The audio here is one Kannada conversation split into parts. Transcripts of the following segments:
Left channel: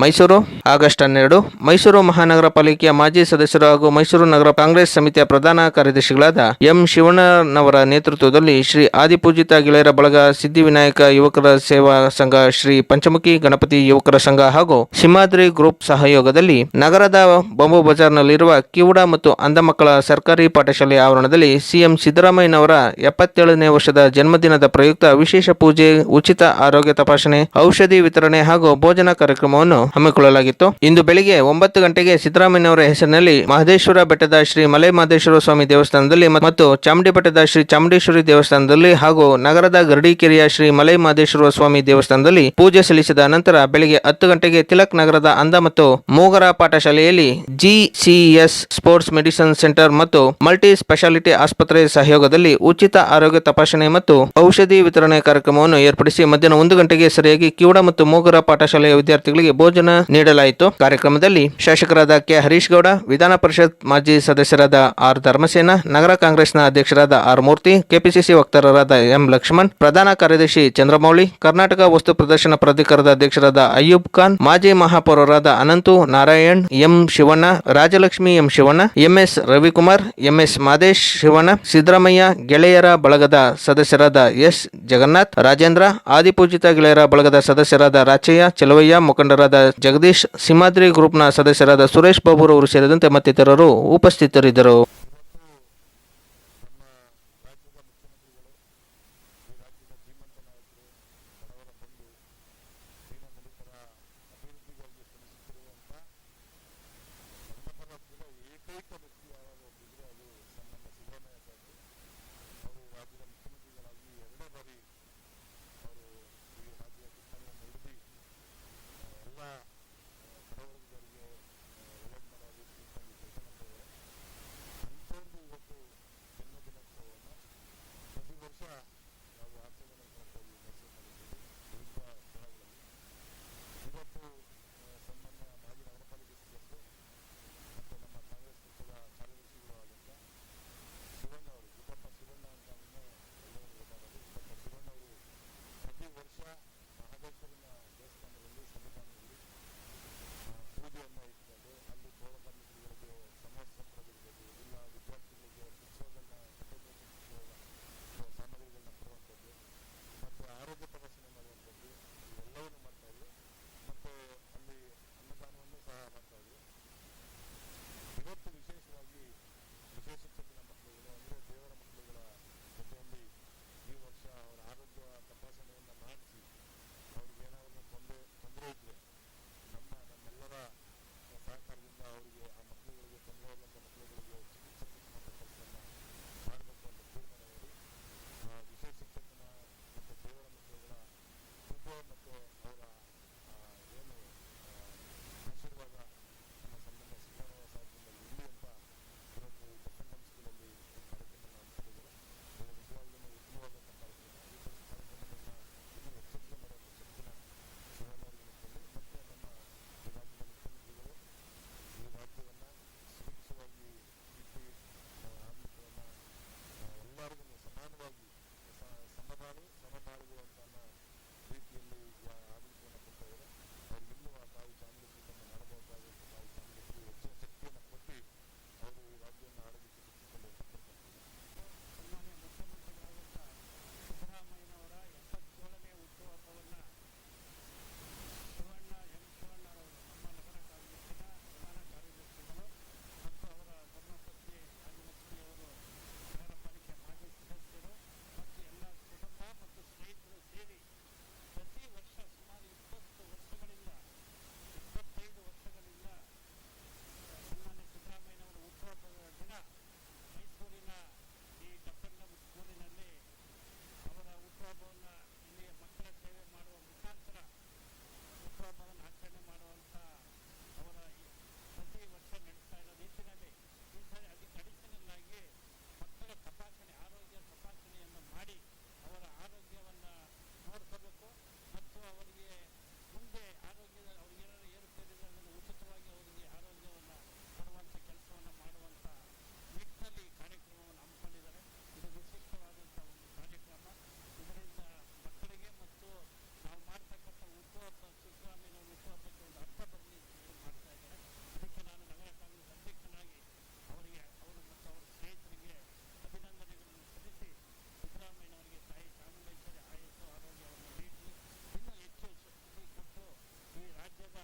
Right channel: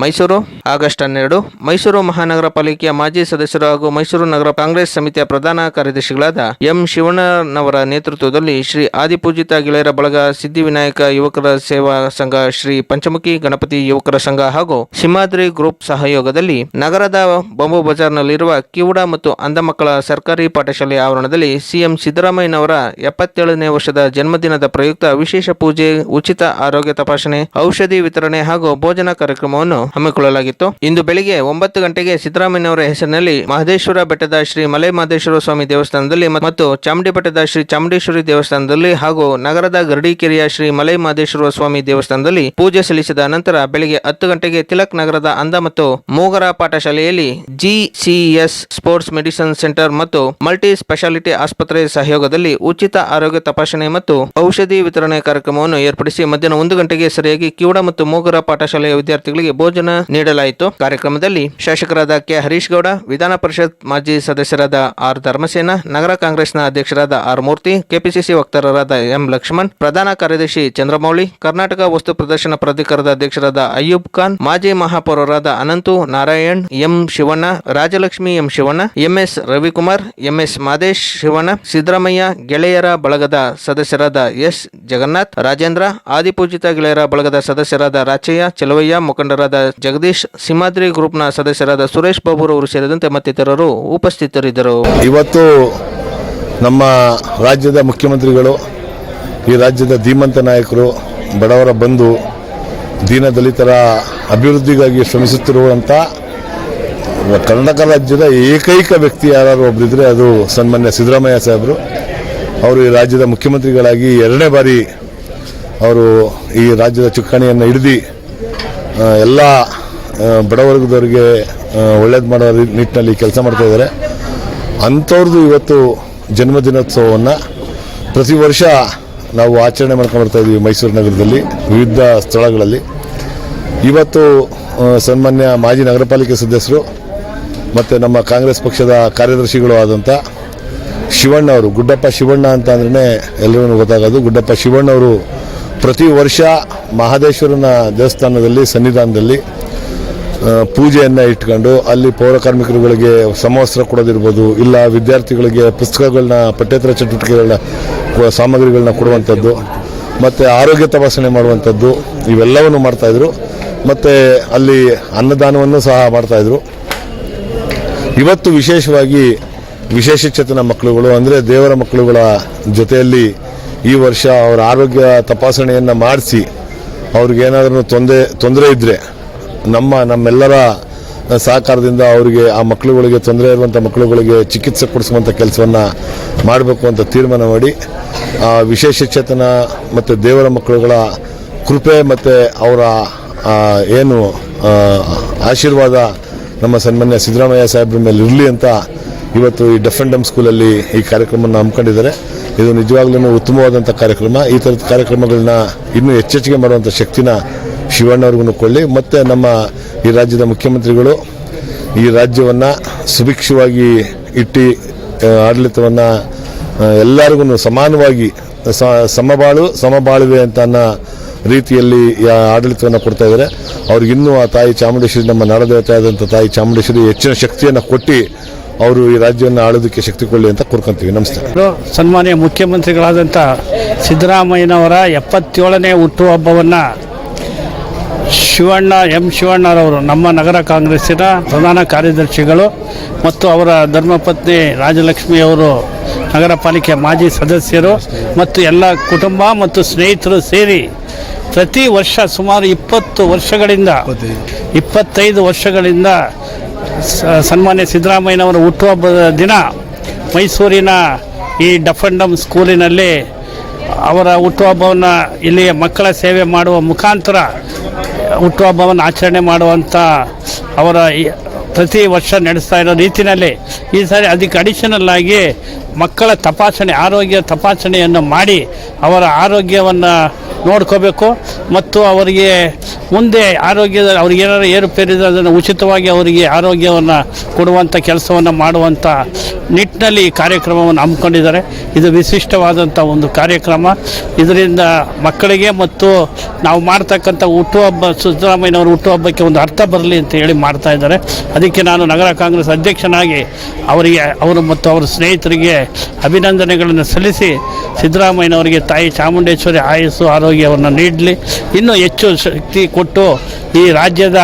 ಮೈಸೂರು, ಆಗಸ್ಟ್ ಹನ್ನೆರಡು. ಮೈಸೂರು ಮಹಾನಗರ ಪಾಲಿಕೆಯ ಮಾಜಿ ಸದಸ್ಯರು ಹಾಗೂ ಮೈಸೂರು ನಗರ ಕಾಂಗ್ರೆಸ್ ಸಮಿತಿಯ ಪ್ರಧಾನ ಕಾರ್ಯದರ್ಶಿಗಳಾದ ಎಂ ಶಿವಣ್ಣನವರ ನೇತೃತ್ವದಲ್ಲಿ ಶ್ರೀ ಆದಿಪೂಜಿತ ಗೆಳೆಯರ ಬಳಗ ಸಿದ್ಧಿವಿನಾಯಕ ಯುವಕರ ಸೇವಾ ಸಂಘ, ಶ್ರೀ ಪಂಚಮುಖಿ ಗಣಪತಿ ಯುವಕರ ಸಂಘ ಹಾಗೂ ಸಿಂಹಾದ್ರಿ ಗ್ರೂಪ್ ಸಹಯೋಗದಲ್ಲಿ ನಗರದ ಬೊಂಬು ಬಜಾರ್ನಲ್ಲಿರುವ ಕಿವುಡ ಮತ್ತು ಅಂಧ ಮಕ್ಕಳ ಸರ್ಕಾರಿ ಪಾಠಶಾಲೆ ಆವರಣದಲ್ಲಿ ಸಿಎಂ ಸಿದ್ದರಾಮಯ್ಯನವರ ಎಪ್ಪತ್ತೇಳನೇ ವರ್ಷದ ಜನ್ಮದಿನದ ಪ್ರಯುಕ್ತ ವಿಶೇಷ ಪೂಜೆ, ಉಚಿತ ಆರೋಗ್ಯ ತಪಾಸಣೆ, ಔಷಧಿ ವಿತರಣೆ ಹಾಗೂ ಭೋಜನ ಕಾರ್ಯಕ್ರಮವನ್ನು ಹಮ್ಮಿಕೊಳ್ಳಲಾಗಿತ್ತು. ಇಂದು ಬೆಳಿಗ್ಗೆ ಒಂಬತ್ತು ಗಂಟೆಗೆ ಸಿದ್ದರಾಮಯ್ಯನವರ ಹೆಸರಿನಲ್ಲಿ ಮಹದೇಶ್ವರ ಬೆಟ್ಟದ ಶ್ರೀ ಮಲೆ ಮಹದೇಶ್ವರ ಸ್ವಾಮಿ ದೇವಸ್ಥಾನದಲ್ಲಿ ಮತ್ತು ಚಾಮುಂಡಿ ಬೆಟ್ಟದ ಶ್ರೀ ಚಾಮುಂಡೇಶ್ವರಿ ದೇವಸ್ಥಾನದಲ್ಲಿ ಹಾಗೂ ನಗರದ ಗರಡಿಕೆರೆಯ ಶ್ರೀ ಮಲೆ ಮಹದೇಶ್ವರ ಸ್ವಾಮಿ ದೇವಸ್ಥಾನದಲ್ಲಿ ಪೂಜೆ ಸಲ್ಲಿಸಿದ ನಂತರ ಬೆಳಿಗ್ಗೆ ಹತ್ತು ಗಂಟೆಗೆ ತಿಲಕ್ ನಗರದ ಅಂದ ಮತ್ತು ಮೂಗರ ಪಾಠಶಾಲೆಯಲ್ಲಿ ಜಿಸಿಎಸ್ ಸ್ಪೋರ್ಟ್ಸ್ ಮೆಡಿಸಿನ್ ಸೆಂಟರ್ ಮತ್ತು ಮಲ್ಟಿ ಸ್ಪೆಷಾಲಿಟಿ ಆಸ್ಪತ್ರೆ ಸಹಯೋಗದಲ್ಲಿ ಉಚಿತ ಆರೋಗ್ಯ ತಪಾಸಣೆ ಮತ್ತು ಔಷಧಿ ವಿತರಣೆ ಕಾರ್ಯಕ್ರಮವನ್ನು ಏರ್ಪಡಿಸಿ ಮಧ್ಯಾಹ್ನ ಒಂದು ಗಂಟೆಗೆ ಸರಿಯಾಗಿ ಕಿವಡ ಮತ್ತು ಮೂಗರ ಪಾಠಶಾಲೆಯ ವಿದ್ಯಾರ್ಥಿಗಳಿಗೆ ಭೋಜನ ನೀಡಲಾಯಿತು. ಕಾರ್ಯಕ್ರಮದಲ್ಲಿ ಶಾಸಕರಾದ ಕೆ. ಹರೀಶ್ ಗೌಡ, ವಿಧಾನ ಪರಿಷತ್ ಮಾಜಿ ಸದಸ್ಯರಾದ ಆರ್. ಧರ್ಮಸೇನ, ನಗರ ಕಾಂಗ್ರೆಸ್ನ ಅಧ್ಯಕ್ಷರಾದ ಆರ್. ಮೂರ್ತಿ, ಕೆಪಿಸಿಸಿ ವಕ್ತಾರರಾದ ಎಂ. ಲಕ್ಷ್ಮಣ್, ಪ್ರಧಾನ ಕಾರ್ಯದರ್ಶಿ ಚಂದ್ರಮೌಳಿ, ಕರ್ನಾಟಕ ವಸ್ತು ಪ್ರದರ್ಶನ ಪ್ರಾಧಿಕಾರದ ಅಧ್ಯಕ್ಷರಾದ ಅಯ್ಯೂಬ್ ಖಾನ್, ಮಾಜಿ ಮಹಾಪೌರರಾದ Ananthu Narayan, M. Shivanna, Rajalakshmi M. Shivanna MS Ravikumar MS Madesh Shivanna, Siddaramaiah, ಗೆಳೆಯರ ಬಳಗದ ಸದಸ್ಯರಾದ ಎಸ್. ಜಗನ್ನಾಥ್, ರಾಜೇಂದ್ರ, ಆದಿಪೂಜಿತ ಗೆಳೆಯರ ಬಳಗದ ಸದಸ್ಯರಾದ ರಾಚಯ್ಯ, ಚೆಲುವಯ್ಯ ಮುಖಂಡರಾದ ಜಗದೀಶ್ ಸಿಂಹಾದ್ರಿ ಗ್ರೂಪ್ನ ಸದಸ್ಯರಾದ ಸುರೇಶ್ ಬಾಬುರವರು ಸೇರಿದಂತೆ ಮತ್ತಿತರರು ಉಪಸ್ಥಿತರಿದ್ದರು. ಇವತ್ತು ನಮ್ಮ ರಾಜ್ಯದ ಮುಖ್ಯಮಂತ್ರಿಗಳು, ಈ ರಾಜ್ಯದ ಧೀಮಂತ ನಾಯಕರು, ಬಡವರ ಬಂಧು, ದೀನ ದಲಿತರ ಅಭಿವೃದ್ಧಿಗಾಗಿ ಶ್ರಮಿಸುತ್ತಿರುವಂಥ ಕರ್ನಾಟಕ ರಾಜ್ಯದ ಏಕೈಕ ವ್ಯಕ್ತಿ ಯಾರು ಒಬ್ಬರಿದ್ರೆ ಅದು ಸನ್ಮಾನ್ಯ ಸಿದ್ದರಾಮಯ್ಯ ಸಾಹೇಬರು. ಅವರು ಈ ರಾಜ್ಯದ ಮುಖ್ಯಮಂತ್ರಿಗಳಾಗಿ ಎರಡನೇ ಬಾರಿ ಅವರು ಈ ರಾಜ್ಯದ ಚುಕ್ಕಾಣಿಯನ್ನು ಹಿಡಿದು ಎಲ್ಲ ಬಡವರ್ಗದವ್ರಿಗೆ ಒಳ್ಳೇದು ಮಾಡೋ ನಿಟ್ಟಿನಲ್ಲಿ ಕೆಲಸ ಮಾಡ್ತಾ ಇದ್ದಾರೆ ಅಂಥವ್ರದ್ದು ಇವತ್ತು ಜನ್ಮದಿನೋತ್ಸವವನ್ನು ಪ್ರತಿ ವರ್ಷ ನಾವು ಆಚರಣೆ ಮಾಡ್ಕೊಂಡು ಇದ್ದೀವಿ ಮೈಸೂರು ನಗರದಲ್ಲಿ, ವಿವಿಧ ಸ್ಥಳಗಳಲ್ಲಿ. ಇವತ್ತು ಸನ್ಮಾನ್ಯ ಮಾಜಿ ನಗರ ಪಾಲಿಕೆ ಸದಸ್ಯರು ಮತ್ತು ನಮ್ಮ ಕಾಂಗ್ರೆಸ್ ಪಕ್ಷದ ಕಾರ್ಯದರ್ಶಿಗಳು ಆದಂಥ ಶಿವಣ್ಣ ಅವರು, ಗುಡ್ಡಪ್ಪ ಶಿವಣ್ಣ ಅಂತ ಅಂದ್ರೆ ಎಲ್ಲರಿಗೂ ಗೊತ್ತಾಗೋದು. ಗುಡ್ಡಪ್ಪ ಶಿವಣ್ಣ ಅವರು ಪ್ರತಿ ವರ್ಷ ಮಹದೇಶ್ವರನ ದೇವಸ್ಥಾನದಲ್ಲಿ, ಸನ್ನಿಧಾನದಲ್ಲಿ ಪೂಜೆಯನ್ನು ಇಟ್ಕೊಂಡು ಅಲ್ಲಿ ಪೌರ ಕಾರ್ಮಿಕರುಗಳಿಗೆ ಸಮವಸ್ತ್ರ ಕೊಡೋದಿರ್ಬೋದು, ಇಲ್ಲ ವಿದ್ಯಾರ್ಥಿಗಳಿಗೆ ಪುಸ್ತಕಗಳನ್ನ, ಪಠ್ಯೇತರ ಚಟುವಟಿಕೆಗಳನ್ನ ಸಾಮಗ್ರಿಗಳನ್ನ ಕೊಡುವಂಥದ್ದು, ಮತ್ತು ಆರೋಗ್ಯ ತಪಾಸಣೆ ಮಾಡುವಂಥದ್ದು, ಇವೆಲ್ಲವನ್ನು ಮಾಡ್ತಾಯಿದ್ರು ಮತ್ತು ಅಲ್ಲಿ ಅನ್ನದಾನವನ್ನು ಸಹ ಮಾಡ್ತಾಯಿದ್ರು ಇವತ್ತು ವಿಶೇಷವಾಗಿ ವಿಶೇಷ ಚೇತನ ಮಕ್ಕಳುಗಳು ಅಂದರೆ ದೇವರ ಮಕ್ಕಳುಗಳ ಜೊತೆಯಲ್ಲಿ ಈ ವರ್ಷ ಅವರ ಆರೋಗ್ಯ ತಪಾಸಣೆಯನ್ನು ಮಾಡಿಸಿ ಅವ್ರಿಗೇನಾದ್ರೂ ತೊಂದರೆ ತೊಂದರೆ ಇದ್ದರೆ ನಮ್ಮ, ನಮ್ಮೆಲ್ಲರ ಸಹಕಾರದಿಂದ ಅವರಿಗೆ ಆ ಮಕ್ಕಳುಗಳಿಗೆ ತೊಂದರೆ ಇರುವಂಥ ಮಕ್ಕಳುಗಳಿಗೆ ಚಿಕಿತ್ಸೆ ಕೊಡಿಸುವಂಥ ಕೆಲಸವನ್ನು ಮಾಡಬೇಕು ಅಂತ ತೀರ್ಮಾನ ಮಾಡಿ, ಆ ವಿಶೇಷಚೇತನ ಮತ್ತು ದೇವರ ಮಕ್ಕಳುಗಳ ಕೃಪೆ ಮತ್ತು ಅವರ ಏನು ಆಶೀರ್ವಾದ ನಮ್ಮ ಸನ್ಮಾನ್ಯ ಸಿದ್ದರಾಮಯ್ಯ ಸಾಹೇಬ್ರ ಮೇಲೆ ಇರಲಿ ಅಂತ ಇವತ್ತು ಈ ಡಫ್ ಡಮ್ ಸ್ಕೂಲಲ್ಲಿ ಈ ಕಾರ್ಯಕ್ರಮವನ್ನು ಹಮ್ಮಿಕೊಂಡಿದ್ದಾರೆ. ಇದು ನಿಜವಾಗ್ಲೂ ಉತ್ತಮವಾದಂಥ ಕಾರ್ಯಕ್ರಮ. ಈ ಥರದ ಕಾರ್ಯಕ್ರಮಗಳನ್ನ ಇನ್ನೂ ಹೆಚ್ಚೆಚ್ಚಿಗೆ ಮಾಡುವಂಥ ಶಕ್ತಿನ ಶಿವಣ್ಣವ್ರಿಗೂ ಕೊಳ್ಳಿ ಮತ್ತು ನಮ್ಮ ಈ ರಾಜ್ಯದ ಮುಖ್ಯಮಂತ್ರಿಗಳು ಈ ರಾಜ್ಯವನ್ನು ಸುಭಿಕ್ಷವಾಗಿ ಇಟ್ಟು ಆಡಳಿತವನ್ನು ಎಲ್ಲರಿಗೂ ಸಮಾನವಾಗಿ ಸಮಬಾಳು, ಸಮಬಾಳುವೆ ಅಂತ ಅನ್ನೋ ರೀತಿಯಲ್ಲಿ ಆಡಳಿತವನ್ನು ಕೊಡ್ತಾ ಇದ್ದಾರೆ ಅವ್ರಿಗಿನ್ನೂ ಆ ತಾಯಿ ಚಾಮುಂಡೇಶ್ವರಿ ನಮ್ಮ ನಾಡದೇವತೆ ಆದಂಥ ತಾಯಿ ಚಾಮುಂಡೇಶ್ವರಿ ಹೆಚ್ಚಿನ ಶಕ್ತಿಯನ್ನು ಕೊಟ್ಟು ಅವರು ಈ ರಾಜ್ಯವನ್ನು ಆಳೋದಕ್ಕೆ ಶಕ್ತಿ ಕೊಳ್ಳಿ ಅಂತ ಕೋರ್ಕೊಂತೀವಿ. ನಮಸ್ತೆ ಸನ್ಮಾನ್ಯ ಮುಖ್ಯಮಂತ್ರಿಗಳಾದಂಥ ಸಿದ್ದರಾಮಯ್ಯನವರ ಎಪ್ಪತ್ತೇಳನೇ ಹುಟ್ಟುಹಬ್ಬವನ್ನು ಶಿವಣ್ಣ, ಎಂ ಶಿವಣ್ಣರವರು, ನಮ್ಮ ನಗರ ಕಾಂಗ್ರೆಸ್ಸಿನ ಪ್ರಧಾನ ಕಾರ್ಯದರ್ಶಿಗಳು ಮತ್ತು ಅವರ ಧರ್ಮಪತ್ನಿ ರಾಜಲಕ್ಷ್ಮಿಯವರು ನಗರ ಪಾಲಿಕೆ ಮಾಜಿ ಸದಸ್ಯರು ಮತ್ತು ಎಲ್ಲ ಕುಟುಂಬ ಮತ್ತು ಸ್ನೇಹಿತರು ಸೇರಿ ಪ್ರತಿ ವರ್ಷ ಸುಮಾರು ಇಪ್ಪತ್ತು ವರ್ಷಗಳಿಂದ, ಇಪ್ಪತ್ತೈದು ವರ್ಷಗಳಿಂದ ಸನ್ಮಾನ್ಯ ಸಿದ್ದರಾಮಯ್ಯನವರ ಹುಟ್ಟುಹಬ್ಬದ ದಿನ ಮೈಸೂರಿನ ಈ ಡಫ್ ಸ್ಕೂಲಿನಲ್ಲಿ ಅವರ ಹುಟ್ಟುಹಬ್ಬವನ್ನು ಇಲ್ಲಿಯ ಮಕ್ಕಳ ಸೇವೆ ಮಾಡುವ ಮುಖಾಂತರ ಹುಟ್ಟುಹಬ್ಬವನ್ನು ಆಚರಣೆ ಮಾಡುವಂಥ ಅವರ ಪ್ರತಿ ವರ್ಷ ನಡೆಸ್ತಾ ಇರೋ ರೀತಿಯಲ್ಲಿ ಈ ಸಾರಿ ಅದಕ್ಕೆ ಅಡಿಷನಲ್ ಆಗಿ ಮಕ್ಕಳ ತಪಾಸಣೆ, ಆರೋಗ್ಯ ತಪಾಸಣೆಯನ್ನು ಮಾಡಿ ಅವರ ಆರೋಗ್ಯವನ್ನು ನೋಡ್ಕೋಬೇಕು ಮತ್ತು ಅವರಿಗೆ ಮುಂದೆ ಆರೋಗ್ಯದ ಅವ್ರಿಗೆ ಏನಾರು ಏರುಪೇರಿದ್ರೆ ಅದನ್ನು ಉಚಿತವಾಗಿ ಅವರಿಗೆ ಆರೋಗ್ಯವನ್ನು ಕೊಡುವಂಥ ಕೆಲಸವನ್ನು ಮಾಡುವಂಥ ನಿಟ್ಟಿನಲ್ಲಿ ಈ ಕಾರ್ಯಕ್ರಮವನ್ನು ಹಮ್ಮಿಕೊಂಡಿದ್ದಾರೆ. ಇದು ವಿಶಿಷ್ಟವಾದಂಥ ಒಂದು ಕಾರ್ಯಕ್ರಮ. ಇದರಿಂದ ಮಕ್ಕಳಿಗೆ ಮತ್ತು ನಾವು ಮಾಡ್ತಕ್ಕಂಥ ಹುಟ್ಟುಹಬ್ಬ, ಸಿದ್ದರಾಮಯ್ಯನವರು ಹುಟ್ಟುಹಬ್ಬಕ್ಕೆ ಒಂದು ಅರ್ಥ ಬರಲಿ ಅಂತ ಹೇಳಿ ಮಾಡ್ತಾ ಇದ್ದಾರೆ. ಅದಕ್ಕೆ ನಾನು ನಗರ ಕಾಂಗ್ರೆಸ್ ಅಧ್ಯಕ್ಷನಾಗಿ ಅವರಿಗೆ, ಅವರು ಮತ್ತು ಅವರ ಸ್ನೇಹಿತರಿಗೆ ಅಭಿನಂದನೆಗಳನ್ನು ಸಲ್ಲಿಸಿ ಸಿದ್ದರಾಮಯ್ಯನವರಿಗೆ ತಾಯಿ ಚಾಮುಂಡೇಶ್ವರಿ ಆಯಸ್ಸು ಆರೋಗ್ಯವನ್ನು ನೀಡಲಿ. ಇನ್ನೂ ಹೆಚ್ಚು ಶಕ್ತಿ ಕೊಟ್ಟು ಈ ರಾಜ್ಯದ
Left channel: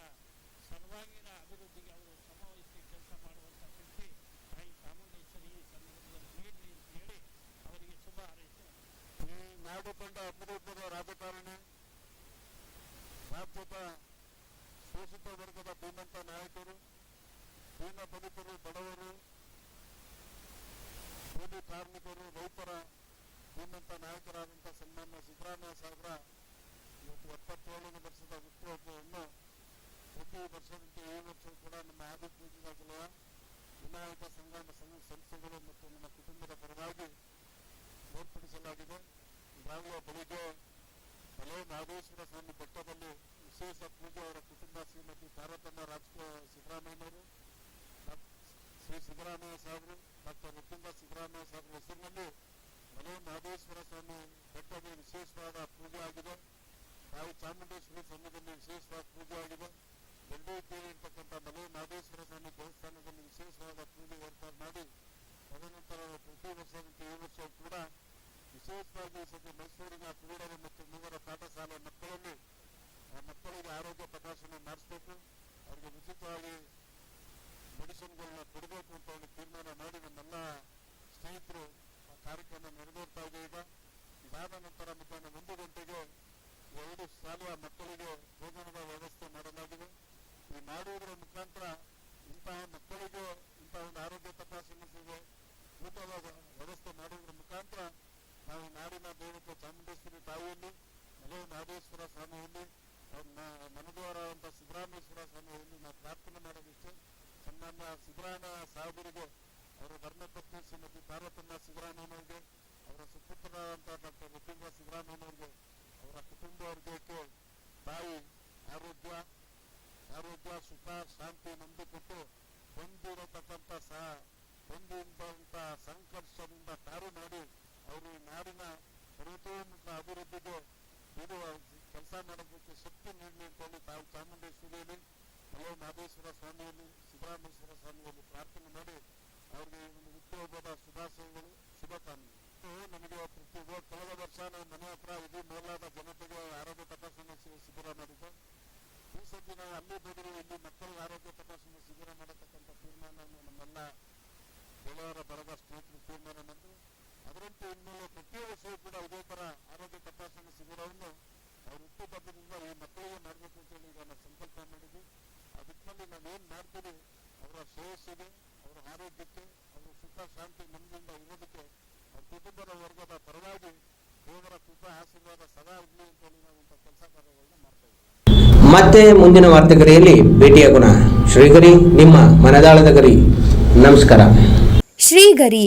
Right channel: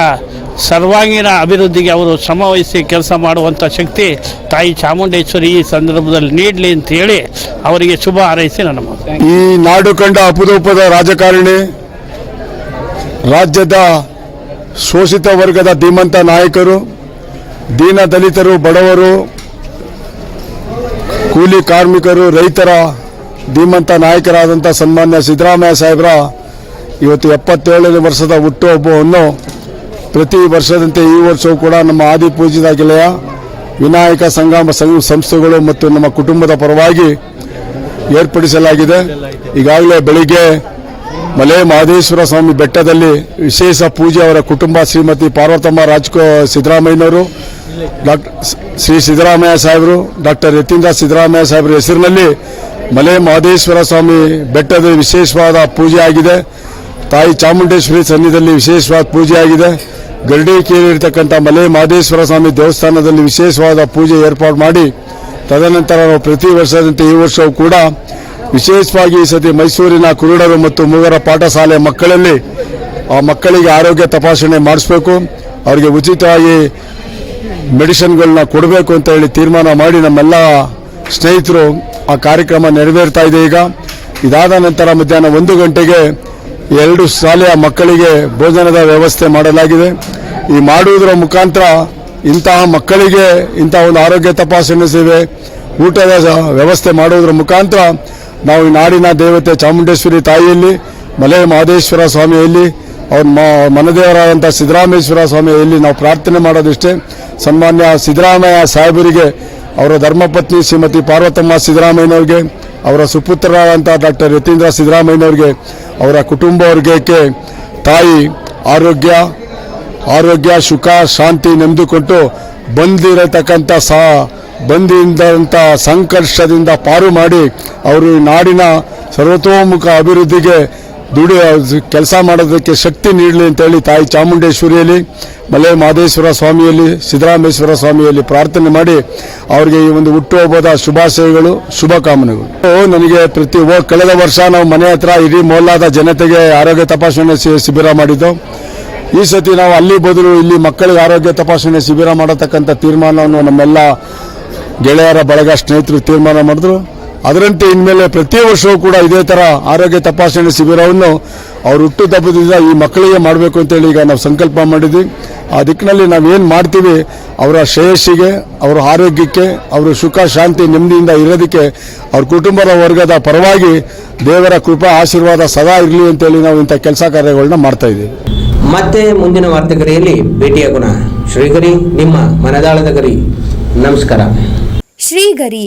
ಸರ್ವಾಂಗೀಣ ಅಭಿವೃದ್ಧಿಗೆ ಅವರು ಶ್ರಮವಹಿಸಿ ಕೆಲಸ ಮಾಡುವಂಥ ಶಕ್ತಿ ತಾಯಿ ಚಾಮುಂಡೇಶ್ವರಿ ಈ ಸಂದರ್ಭದಲ್ಲಿ ನೀಡಲಿ ಅಂತ ಹೇಳಿ ಅವರಿಗೆ ಶುಭ ಹಾರೈಸಿ ನನ್ನ ಈ ನಾಡು ಕಂಡ ಅಪರೂಪದ ರಾಜಕಾರಣಿ, ರಾಜ್ಯದ ಶೋಷಿತ ವರ್ಗದ ಧೀಮಂತ ನಾಯಕರು, ದೀನ ದಲಿತರು, ಬಡವರು, ಕೂಲಿ ಕಾರ್ಮಿಕರು, ರೈತರ ಧೀಮಂತ ನಾಯಕರಾದಂಥ ಸನ್ಮಾನ್ಯ ಸಿದ್ದರಾಮಯ್ಯ ಸಾಹೇಬರ ಇವತ್ತು ಎಪ್ಪತ್ತೇಳನೇ ವರ್ಷದ ಹುಟ್ಟುಹಬ್ಬವನ್ನು ಪ್ರತಿ ವರ್ಷದಂತೆ ಈ ವರ್ಷವೂ ಕೂಡ ನಮ್ಮ ಆದಿಪೂಜಿತ ಗೆಳೆಯ ವಿನಾಯಕ ಸಂಘ ಸಂಸ್ಥೆಗಳು ಮತ್ತು ನಮ್ಮ ಕುಟುಂಬದ ಪರವಾಗಿ ಏರ್ಪಡಿಸಲಾಗಿದೆ. ಈಗಾಗಲೇ ಬೆಳಿಗ್ಗೆ ಮಲೆ ಮಹದೇಶ್ವರ ಸ್ವಾಮಿ ಬೆಟ್ಟದಲ್ಲಿ ವಿಶೇಷ ಪೂಜೆ ಅವರ ಕುಟುಂಬ ಶ್ರೀಮತಿ ಪಾರ್ವತಮ್ಮ ರಾಜ್ಕೋ ಸಿದ್ದರಾಮಯ್ಯನವರು ಡಾಕ್ಟರ್ ಶ್ರೀ ಸಿದ್ದರಾಮಯ್ಯ ಸಾಹೇಬರು, ಡಾಕ್ಟರ್ ಯತೀಂದ್ರ ಸಿದ್ದರಾಮಯ್ಯ ಸಾಹೇಬರ ಹೆಸರಿನಲ್ಲಿ ಮಲೆ ಮಹದೇಶ್ವರ ಸ್ವಾಮಿ ಬೆಟ್ಟದ ವಿಶೇಷವಾದ ಪೂಜೆ ಆಗಿದೆ. ತಾಯಿ ಚಾಮುಂಡೇಶ್ವರಿ ಸನ್ನಿಧಿಯಲ್ಲಿ ವಿಶೇಷವಾದ ಪೂಜೆಯಾಗಿದೆ. ಆಗಿದೆ ಗರಡಿ ಇರ್ತಕ್ಕಂಥ ಮಲೆ ಮಹದೇಶ್ವರ ಸ್ವಾಮಿ ದೇವಸ್ಥಾನದಲ್ಲಿ ವಿಶೇಷವಾದ ಪೂಜೆ ಏರ್ಪಾಡು ಮಾಡಿ, ತದನಂತರ ನಾವು ಪ್ರತಿ ವರ್ಷದಂತೆ ಈ ವರ್ಷವೂ ಕೂಡ ವಿಶೇಷವಾಗಿ ಈ ಸತಿ ಮೈಸೂರಿನ ಕುರುಡರು ಮತ್ತು ಮೂವರ ಪಾಠಶಾಲೆ ಮಕ್ಕಳಲ್ಲಿ ಆ ಮಕ್ಕಳಿಗೆ ಆರೋಗ್ಯ ತಪಾಸಣೆ ಮಾಡಿಸಬೇಕು. ಅವರಿಗೆ ಉಚಿತವಾಗಿ ಮೆಡಿಸಿನ್ಗಳನ್ನ ಕೊಡಬೇಕು ಅಂತ ಹೇಳಿ ತೀರ್ಮಾನ ಮಾಡಿ ನಮ್ಮೆಲ್ಲ ಸ್ನೇಹಿತರು ಆ ಕಾರ್ಯಕ್ರಮ ನೆರವೇರ್ತಾ ಇದೆ ಈಗ. ಇದಾದ ನಂತರ ಮಧ್ಯಾಹ್ನ ಒಂದು ಗಂಟೆಗೆ ಎರಡು ಶಾಲೆಯ ಮಕ್ಕಳಿಗೆ ಭೋಜನದ ವ್ಯವಸ್ಥೆ ಮಾಡಲಾಗಿದೆ. ಈ ಮಾಡುವುದರ ಮುಖಾಂತರ ಇಂತಹ ಮಕ್ಕಳಿಗೆ ಇಂತಹ ಒಂದು ಆರೋಗ್ಯ ತಪಾಸಣೆ ಸೇವೆ, ಊಟದ ವ್ಯವಸ್ಥೆ ಮಾಡುವುದರ ಮುಖಾಂತರ ನಾವು ಈ ನಾಡಿನ ದೇವತೆ ಚಾಮುಂಡೇಶ್ವರಿ ತಾಯಿಯಲ್ಲಿ, ಮಲೆ ಮಹದೇಶ್ವರ ಸ್ವಾಮಿಯಲ್ಲಿ, ಅವ್ರ ಮನದೇವರಾದಂಥ ಸಿದ್ದರಾಮೇಶ್ವರ ಸ್ವಾಮಿಯಲ್ಲಿ ನಾವು ಪ್ರಾರ್ಥನೆ ಮಾಡೋದಿಷ್ಟೇ. ಸನ್ಮಾನ್ಯ ಸಿದ್ದರಾಮಯ್ಯ ಸಾಹೇಬರಿಗೆ, ಅವರ ಧರ್ಮಪತ್ನಿ ಶ್ರೀಮತಿ ಪಾರ್ವತಮ್ಮ ಸಿದ್ದರಾಮಯ್ಯನವ್ರಿಗೆ, ಅವರ ಸುಪುತ್ರರಾದಂಥ ಡಾಕ್ಟರ್ ಯತೀಂದ್ರ ಸಿದ್ದರಾಮಯ್ಯನವ್ರಿಗೆ ಅವರ ಕುಟುಂಬ ವರ್ಗಕ್ಕೆ ತಾಯಿ ಆರೋಗ್ಯ ಆರೋಗ್ಯ, ಸುಖ, ಶಾಂತಿ ನೆಮ್ಮದಿಕೊಟ್ಟು ಬಂದಿರತಕ್ಕಂಥ ಸಾ, ಬಂದಿಂದಂಥ ಸಂಕರ್ಷದಿಂದ ಪಾರು ಮಾಡಿ ಅವರು ನಾಡಿನ ಸರ್ವತೋಮುಖ ಅಭಿವೃದ್ಧಿಗೆ ದುಡಿ ಕೆಲಸ ಮಾಡೋದಕ್ಕೆ ಶಕ್ತಿ ನೀಡಲಿ ಅಂತೇಳಿ ತಾಯಿ ಚಾಮುಂಡೇಶ್ವರಿಯಲ್ಲಿ, ಮಲೆ ಮಹದೇಶ್ವರ ಸ್ವಾಮಿಯಲ್ಲಿ, ಸಿದ್ದರಾಮೇಶ್ವರ ಸ್ವಾಮಿಯಲ್ಲಿ ಪ್ರಾರ್ಥನೆ ಮಾಡಿ ಅವರಿಗೆ ಈ ಒಂದು ಹುಟ್ಟುಹಬ್ಬದ ಶುಭಾಶಯಗಳು ಶುಭಕಾಮನೆಗಳು ಕಾಮನೆಗಳು. ನನಗೆ ಪ್ರತಿ ಕಳೆದ ವರ್ಷ ನಾವು ಮನೆ ಹತ್ರ ಇಡೀ ಮೊಹಲ್ಲಾದ ಜನತೆಗೆ ಆರೋಗ್ಯ ತಪಾಸಣೆ ಶಿಬಿರ ಮಾಡಿದ್ದು, ಈ ಸತಿ ನಾವು ಅಲ್ಲಿ ಬದಲು ಇಲ್ಲಿ ಮಕ್ಕಳಿಗೆ ಆರೋಗ್ಯ ತಪಾಸಣೆ ಶಿಬಿರ ಮಾಡತಕ್ಕಂಥ ತೀರ್ಮಾನವನ್ನು ನಮ್ಮೆಲ್ಲ ಗೆಳೆಯರ ಬಳಗ ಸ್ನೇಹಿತರು ತೀರ್ಮಾನ ಮಾಡಿದ್ರು. ಅದರಂತೆ ಇನ್ಮೇಲೆ ಪ್ರತಿ ವರ್ಷವೂ ಕೂಡ ಇದೇ ತರ ಆರೋಗ್ಯ ತಪಾಸಣೆ ಶಿಬಿರವನ್ನು ಅವ್ರು ಹುಟ್ಟು ತಪ್ಪದಿಂದ ಈ ಮಕ್ಕಳಿಗೆ ಮಾಡಬೇಕು ಅಂತೇಳಿ ಈಗ ನಾವು ಸಂಕಲ್ಪ ಮಾಡಿದ್ವಿ. ಆ ದಿಕ್ಕಿನಲ್ಲಿ ನಾವೇನು ಮಾಡ್ತೀವಿ ಅವರ ಶ್ರೇಯಸ್ಸಿಗೆ ಅವರ ಆರೋಗ್ಯಕ್ಕೆ ಅವರ ಸುಖ ಶಾಂತಿ ನೆಮ್ಮದಿಯಿಂದ ಇರೋದಕ್ಕೆ ಅವ್ರ ಕುಟುಂಬದ ವರ್ಗದ ಪರವಾಗಿ ದೇವರ ಕೃಪಾ ಆಶೀರ್ವಾದ ಸದಾ ಇರಲಿ ಅಂತೇಳಿ ನಾವು ಇಂಥ ಕೆಲಸ ಕಾರ್ಯಗಳನ್ನ ಮಾಡ್ತಾ ಇದ್ದೀವಿ. ಮತ್ತೆ ಮುಂದಿನ ವಾರ್ತೆಗರಿಯಲ್ಲಿ ಭೇಟಿಯಾಗೋಣ ಶ್ರೀಗರಿ ನಿಮ್ಮ ಮನದಾಳದ ಗರಿ. ನಮಸ್ಕಾರ. ಶ್ರೀಗರಿ